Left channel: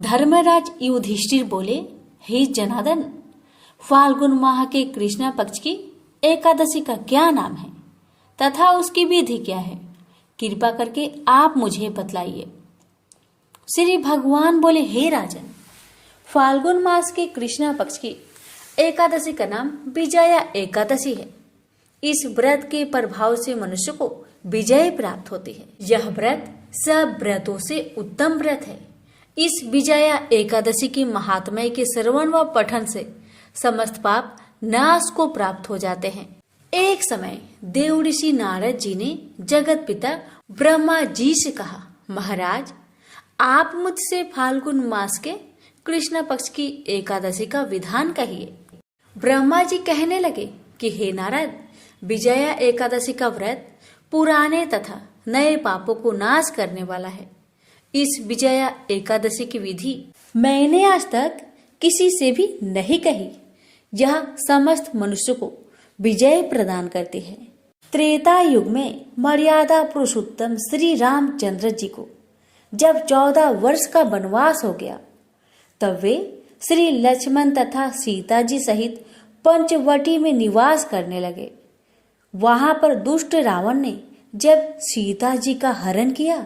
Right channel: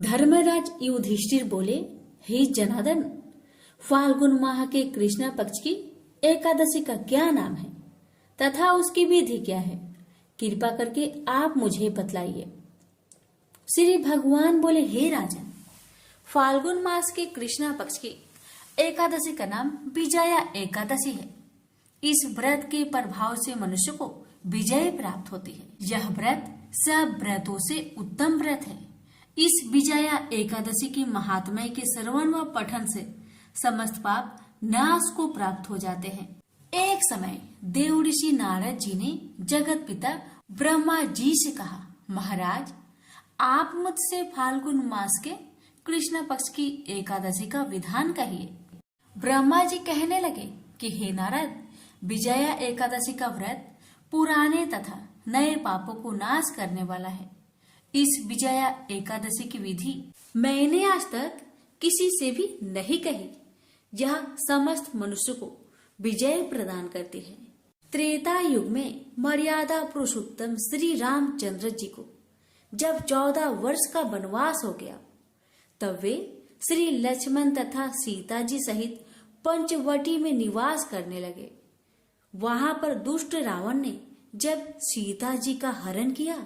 धर्मराज युधिष्ठिर बोले, हे जनार्दन, फाल्गुन माह के कृष्ण पक्ष की एकादशी का क्या नाम है तथा उसकी विधि क्या है? कृपा करके आप मुझे बतलाइए। श्री भगवान बोले, हे राजन, फाल्गुन मास के कृष्ण पक्ष की एकादशी का नाम विजया एकादशी है। इस व्रत के प्रभाव से मनुष्य को विजय प्राप्त होती है। यह व्रत सब व्रतों से उत्तम व्रत है। इस विजया एकादशी की महात्म्य के श्रवण व पठन से समस्त पाप नाश को प्राप्त हो जाते हैं। एक समय देव ऋषि नारद जी ने जगत पिता ब्रह्मा जी से कहा, महाराज, आप मुझसे फाल्गुन मास के कृष्ण पक्ष की एकादशी का विधान कहिए। ब्रह्मा जी कहने लगे कि हे नारद, विजया एकादशी का व्रत पुराने तथा नए पापों को नाश करने वाला है। इस विजया एकादशी की विधि मैंने आज तक किसी से भी नहीं कही। यह समस्त मनुष्य को विजय प्रदान करती है। त्रेता युग में मर्यादा पुरुषोत्तम श्री रामचंद्र जी को जब 14 वर्ष का वनवास हो गया, तब वे श्री लक्ष्मण तथा सीता जी सहित पंचवटी में निवास करने लगे। वहां पर दुष्ट रावण ने जब सीता जी का हरण किया,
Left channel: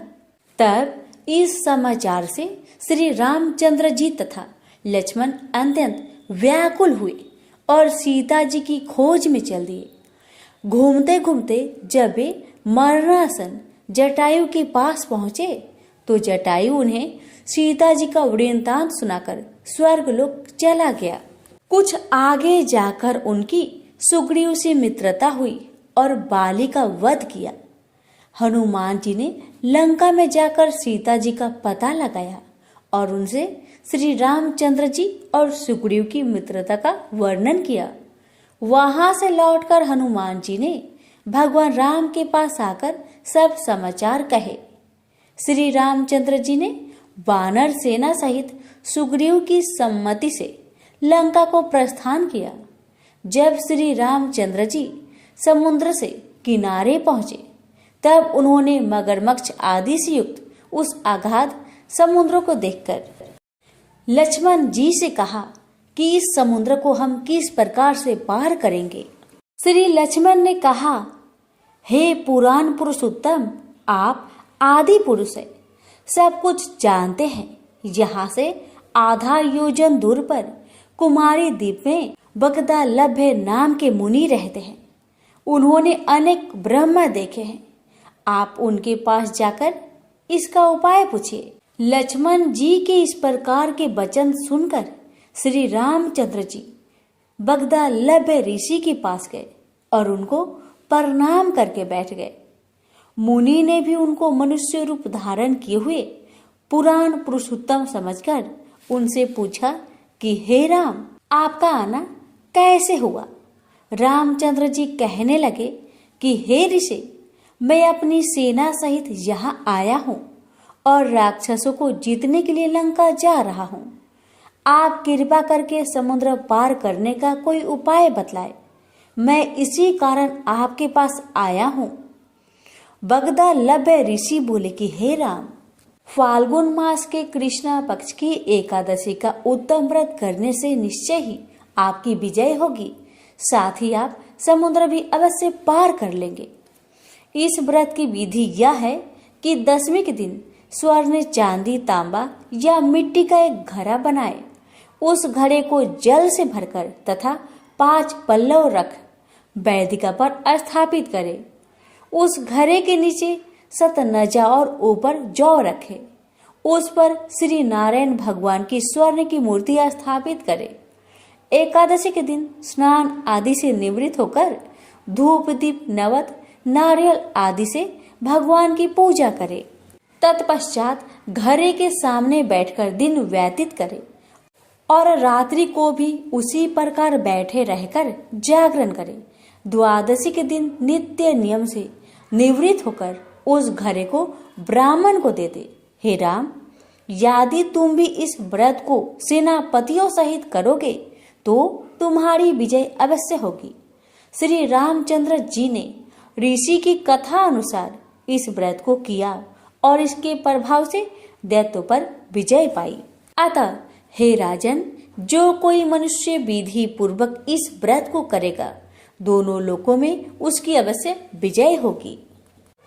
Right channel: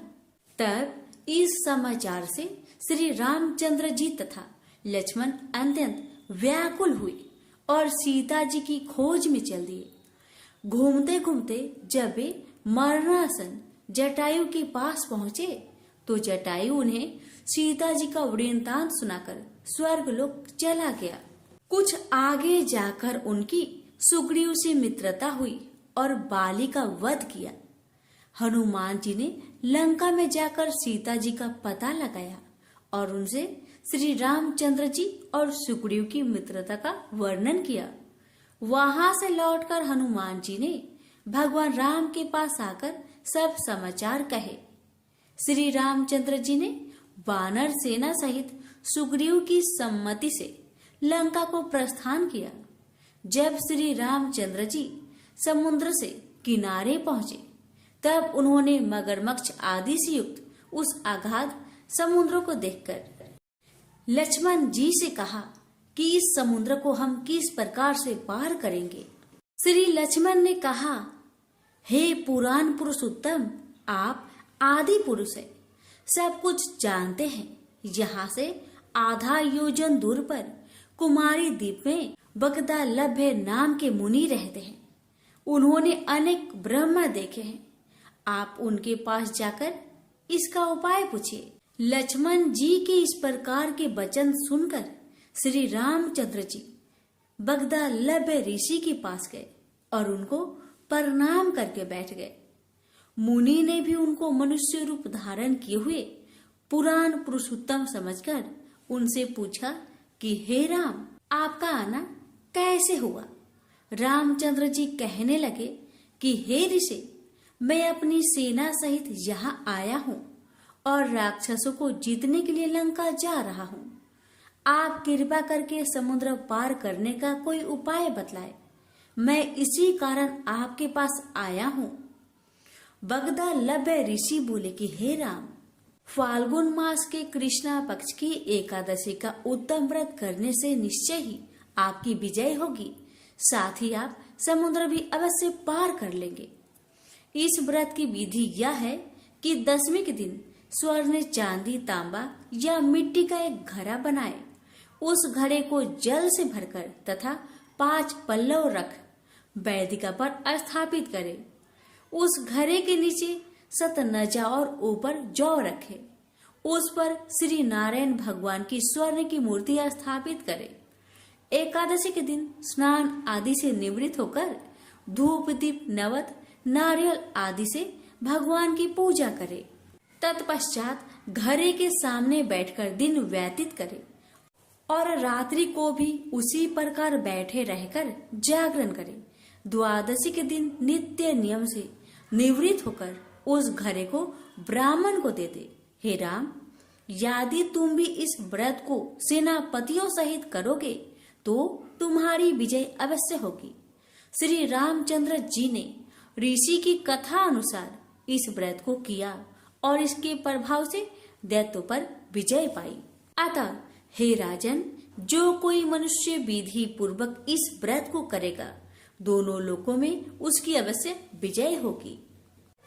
तब इस समाचार से श्री रामचंद्र जी तथा लक्ष्मण अत्यंत व्याकुल हुए और सीता जी की खोज में चल दिए। घूमते घूमते जब वे मरणासन जटायु के पास पहुंचे, तो जटायु उन्हें सीता जी का वृत्तांत सुनाकर स्वर्ग लोक चला गया। कुछ आगे जाकर उनकी सुग्रीव से मित्रता हुई और बाली का वध किया। हनुमान जी ने लंका में जाकर सीता जी का पता लगाया और उनसे श्री रामचंद्र जी और सुग्रीव की मित्रता का वर्णन किया। वहां से लौटकर हनुमान जी ने भगवान राम के पास आकर सब समाचार कहे। श्री रामचंद्र जी ने वानर सेना सहित सुग्रीव की सम्मति से लंका को प्रस्थान किया। जब श्री रामचंद्र जी समुद्र से किनारे पहुंचे, तब उन्होंने मगरमच्छ आदि से युक्त उस अगाध समुद्र को देखकर लक्ष्मण जी से कहा कि इस समुद्र को हम किस प्रकार से पार करेंगे। श्री लक्ष्मण ने कहा, हे पुराण पुरुषोत्तम, आप आदि पुरुष है, सब कुछ जानते हैं। यहाँ से आधा योजन दूर पर कुमारी द्वीप में बगदालभ्य नाम के मुनि रहते हैं। उन्होंने अनेक ब्रह्म देखे हैं। आप उनके पास जाकर इसका उपाय पूछिए। लक्ष्मण जी के इस प्रकार के वचन सुनकर श्री रामचंद्र जी बगदालभ्य ऋषि के पास गए और उनको प्रणाम करके बैठ गए। मुनि ने भी उनको मनुष्य रूप धारण किए हुए पुराण पुरुषोत्तम समझकर उनसे पूछा कि हे राम, आपका आना कैसे हुआ? रामचंद्र जी कहने लगे कि हे ऋषि, मैं अपनी सेना सहित यहाँ आया हूँ और राक्षसों को जीतने के लिए लंका जा रहा हूँ। आप कृपा करके समुद्र पार करने का कोई उपाय बतलाए। मैं इसी कारण आपके पास आया हूँ। बगदालभ्य ऋषि बोले कि हे राम, फाल्गुन मास के कृष्ण पक्ष की एकादशी का उत्तम व्रत करने से निश्चय ही आपकी विजय होगी। साथ ही आप समुद्र भी अवश्य पार कर लेंगे। इस व्रत की विधि यह है कि दशमी के दिन स्वर्ण, चांदी, तांबा या मिट्टी का एक घड़ा बनाए। उस घड़े को जल से भरकर तथा 5 पल्लव रख वेदिका पर स्थापित करे। उस घड़े के नीचे सतनजा और ऊपर जौ रखे। उस पर श्री नारायण भगवान की स्वर्ण की मूर्ति स्थापित करे। एकादशी के दिन स्नान आदि से निवृत्त होकर धूप, दीप, नवत, नारियल आदि से भगवान की पूजा करे। तत्पश्चात घड़े के सामने बैठकर दिन व्यतीत करे और रात्रि को भी उसी प्रकार बैठे रहकर जागरण करे। द्वादशी के दिन नित्य नियम से निवृत्त होकर उस घड़े को ब्राह्मण को दे दे। हे राम, यदि तुम भी इस व्रत को सेनापतियों सहित करोगे तो तुम्हारी विजय अवश्य होगी। श्री रामचंद्र जी ने ऋषि की कथा अनुसार इस व्रत को किया और इसके प्रभाव से दैत्यों पर विजय पाई। अतः हे राजन, जो कोई मनुष्य विधि पूर्वक इस व्रत को करेगा, दोनों लोकों में उसकी अवश्य विजय होगी।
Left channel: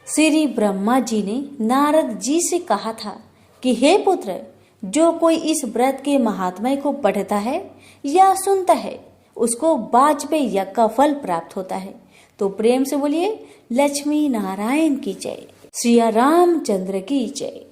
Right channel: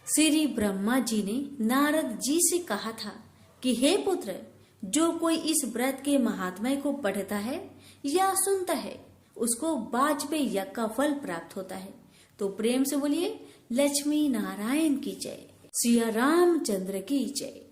श्री ब्रह्मा जी ने नारद जी से कहा था कि हे पुत्र, जो कोई इस व्रत के महात्म्य को पढ़ता है या सुनता है, उसको वाजपेयी यज्ञ का फल प्राप्त होता है। तो प्रेम से बोलिए, लक्ष्मी नारायण की जय, श्री रामचंद्र की जय।